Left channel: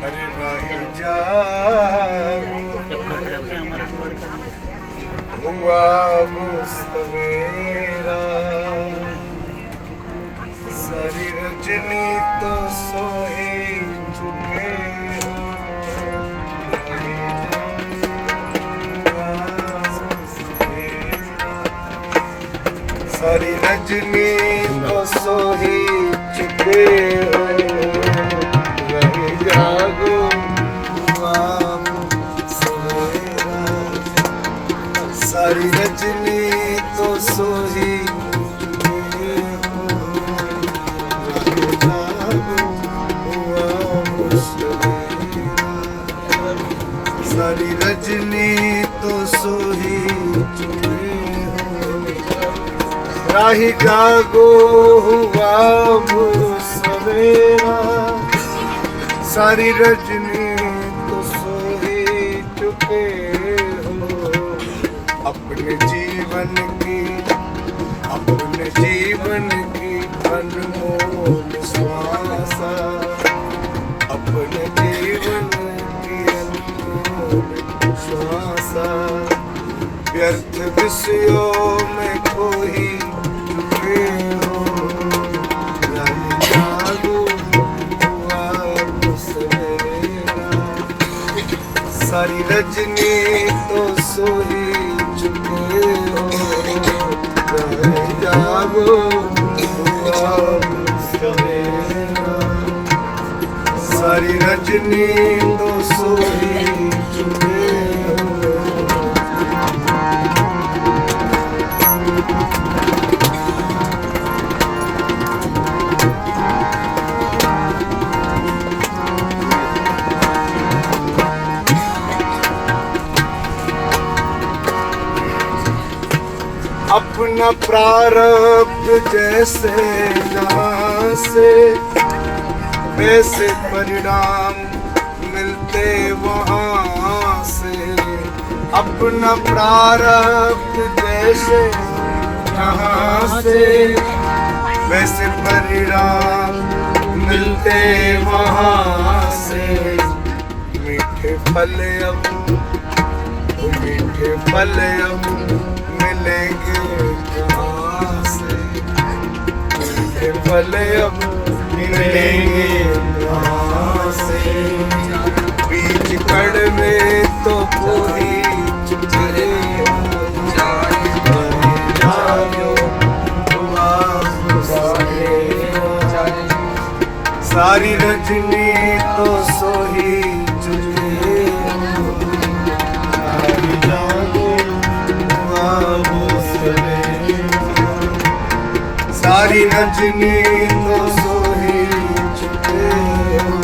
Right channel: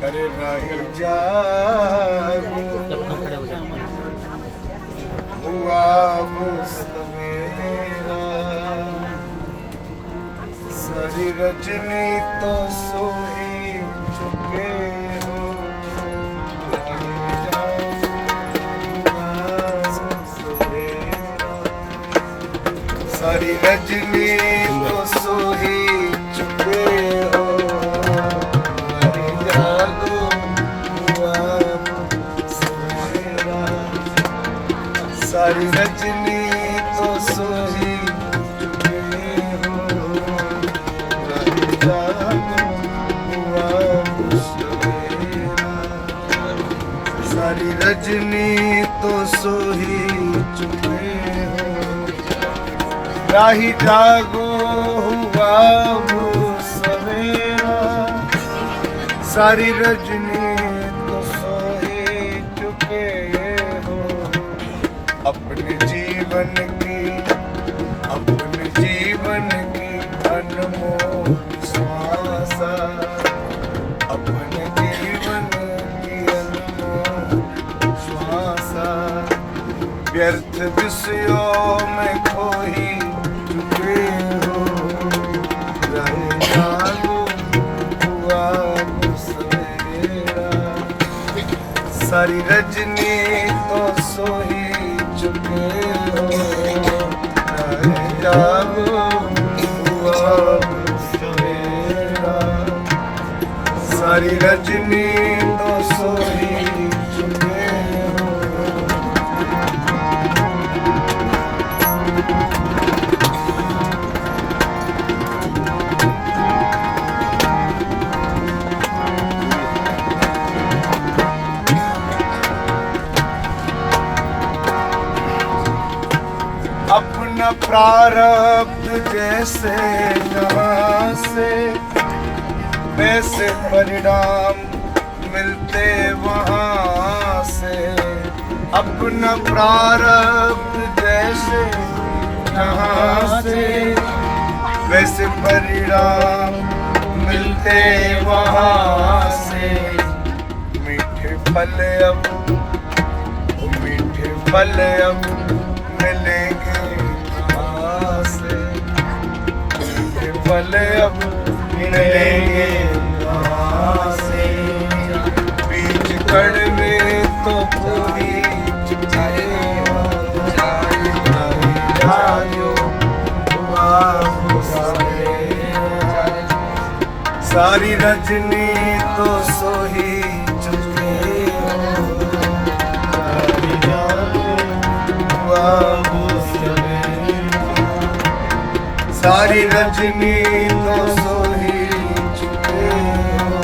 अरे राही जागो हुआ वो सवेरा, सारी रजनी तो सोई चुके हो। सारी रजनी तो सोई चुके हो, रही जागो हुआ सवेरा। सारी रजनी तो सोई चुके हो, रही जागो हुआ सवेरा। सारी रजनी तो सोई चुके हो, राही जागो हुआ वो सवेरा। सारी रजनी तो सोई चुके हो, अपने जीवन की अनमोल श्वासा, अपने जीवन की अनमोल श्वासा। व्यर्थ विषयों में खोई चुके हो, रही जागो हुआ वो सवेरा। सारी रजनी तो सोई चुके हो, रही जागो हुआ वो सवेरा। सारी रजनी तो सोई चुके हो। अपना प्रारब्ध जैसे यहाँ से, वैसे परिणाम मिलते वहाँ से। अपना प्रारब्ध जैसे यहाँ से, वैसे परिणाम मिलते वहाँ से। मीठे फल अब मिलेंगे कहाँ से, मीठे फल अब मिलेंगे कहाँ से। बीच कड़वे तो पूरी चुके हो, सारी रजनी तो सोई चुके हो, सारी रजनी तो सोई चुके हो।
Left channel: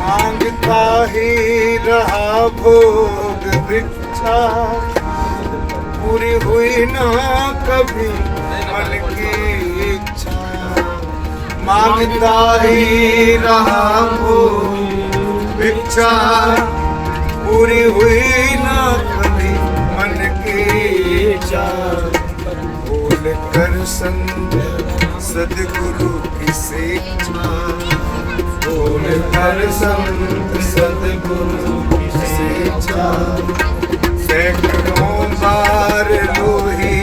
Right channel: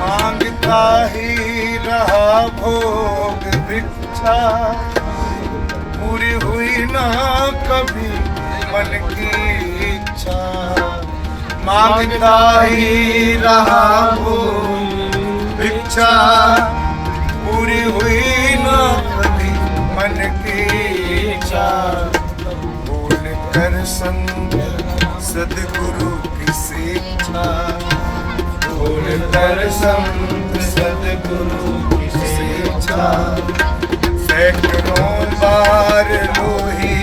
मांगता ही रहा भोग भिक्षा, पूरी हुई ना कभी मन की इच्छा। मांगता ही रहा भोग भिक्षा, पूरी हुई ना कभी मन की इच्छा। बोल कर संग सद्गुरु की शिक्षा, बोल कर संग सद्गुरु की शिक्षा। सैकड़ों बार लोही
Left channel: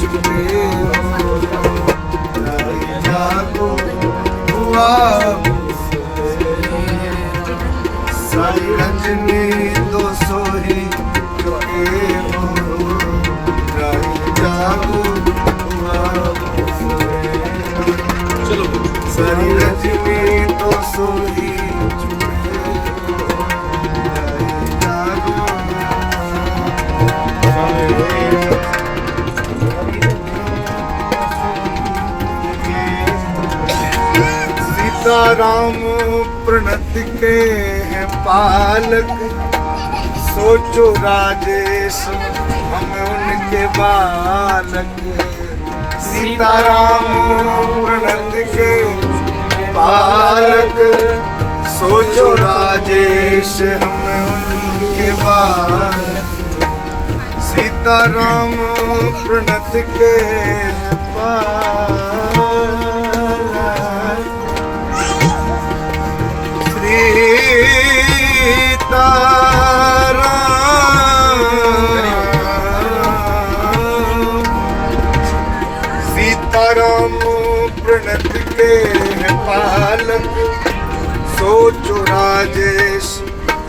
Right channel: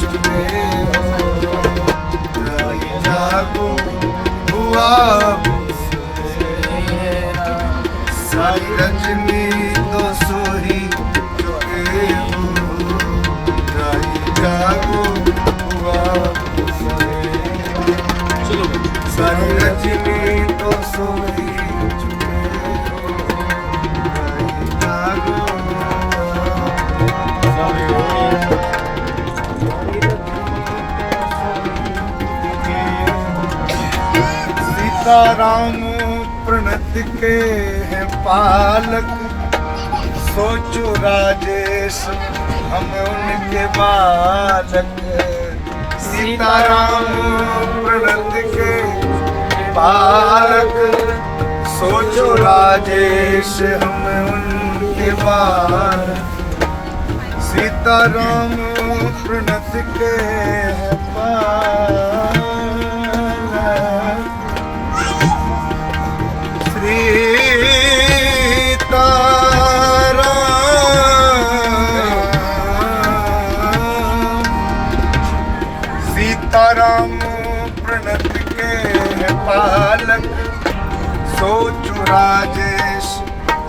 चुके हो, रही जागो हुआ वो सवेरा। सारी रजनी तो सोई चुके हो, रही जागो हुआ वो सवेरा। सारी रजनी तो सोई चुके हो, रही जागो। सीताराम प्रणत के हैं पालक, सोचो राजेश हम उनके बालक, सीताराम प्रणत के बालक। सोचो राजेश हम उनके बालक, सीताराम प्रणत के बालक। सीताराम प्रणत के पालक। सोचो राजेश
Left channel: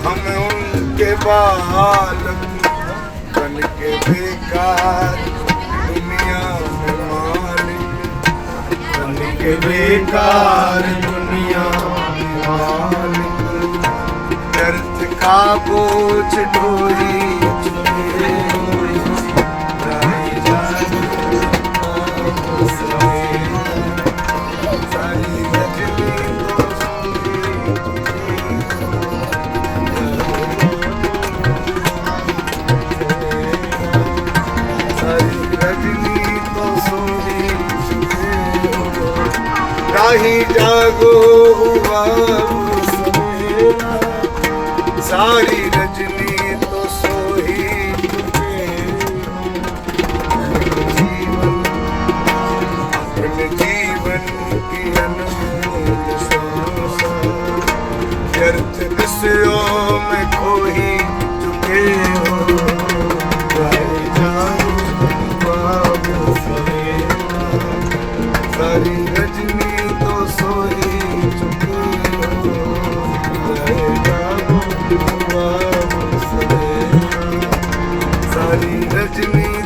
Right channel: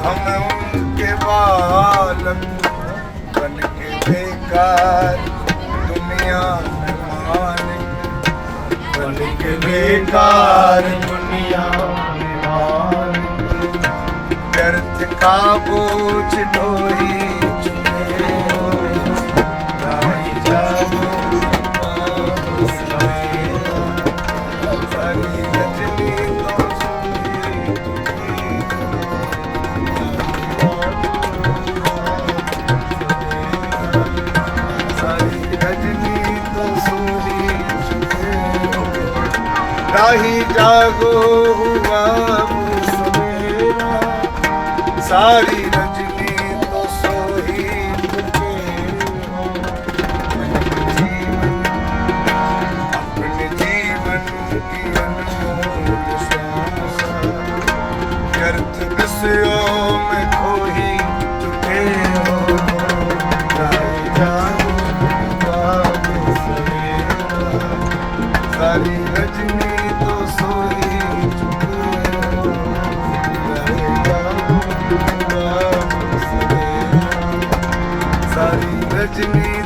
हम उनके बालक, बन के बेकार दुनिया में मालिक, बन के बेकार दुनिया में मालिक। व्यर्थ का बोझ ढोई राही जागो हुआ सवेरा, सारी रजनी तो सोई अपने जीवन की अनमोल सांसा, व्यर्थ विषयों में खोई चुके हो। राही जागो हुआ सवेरा, सारी रजनी सारी रजनी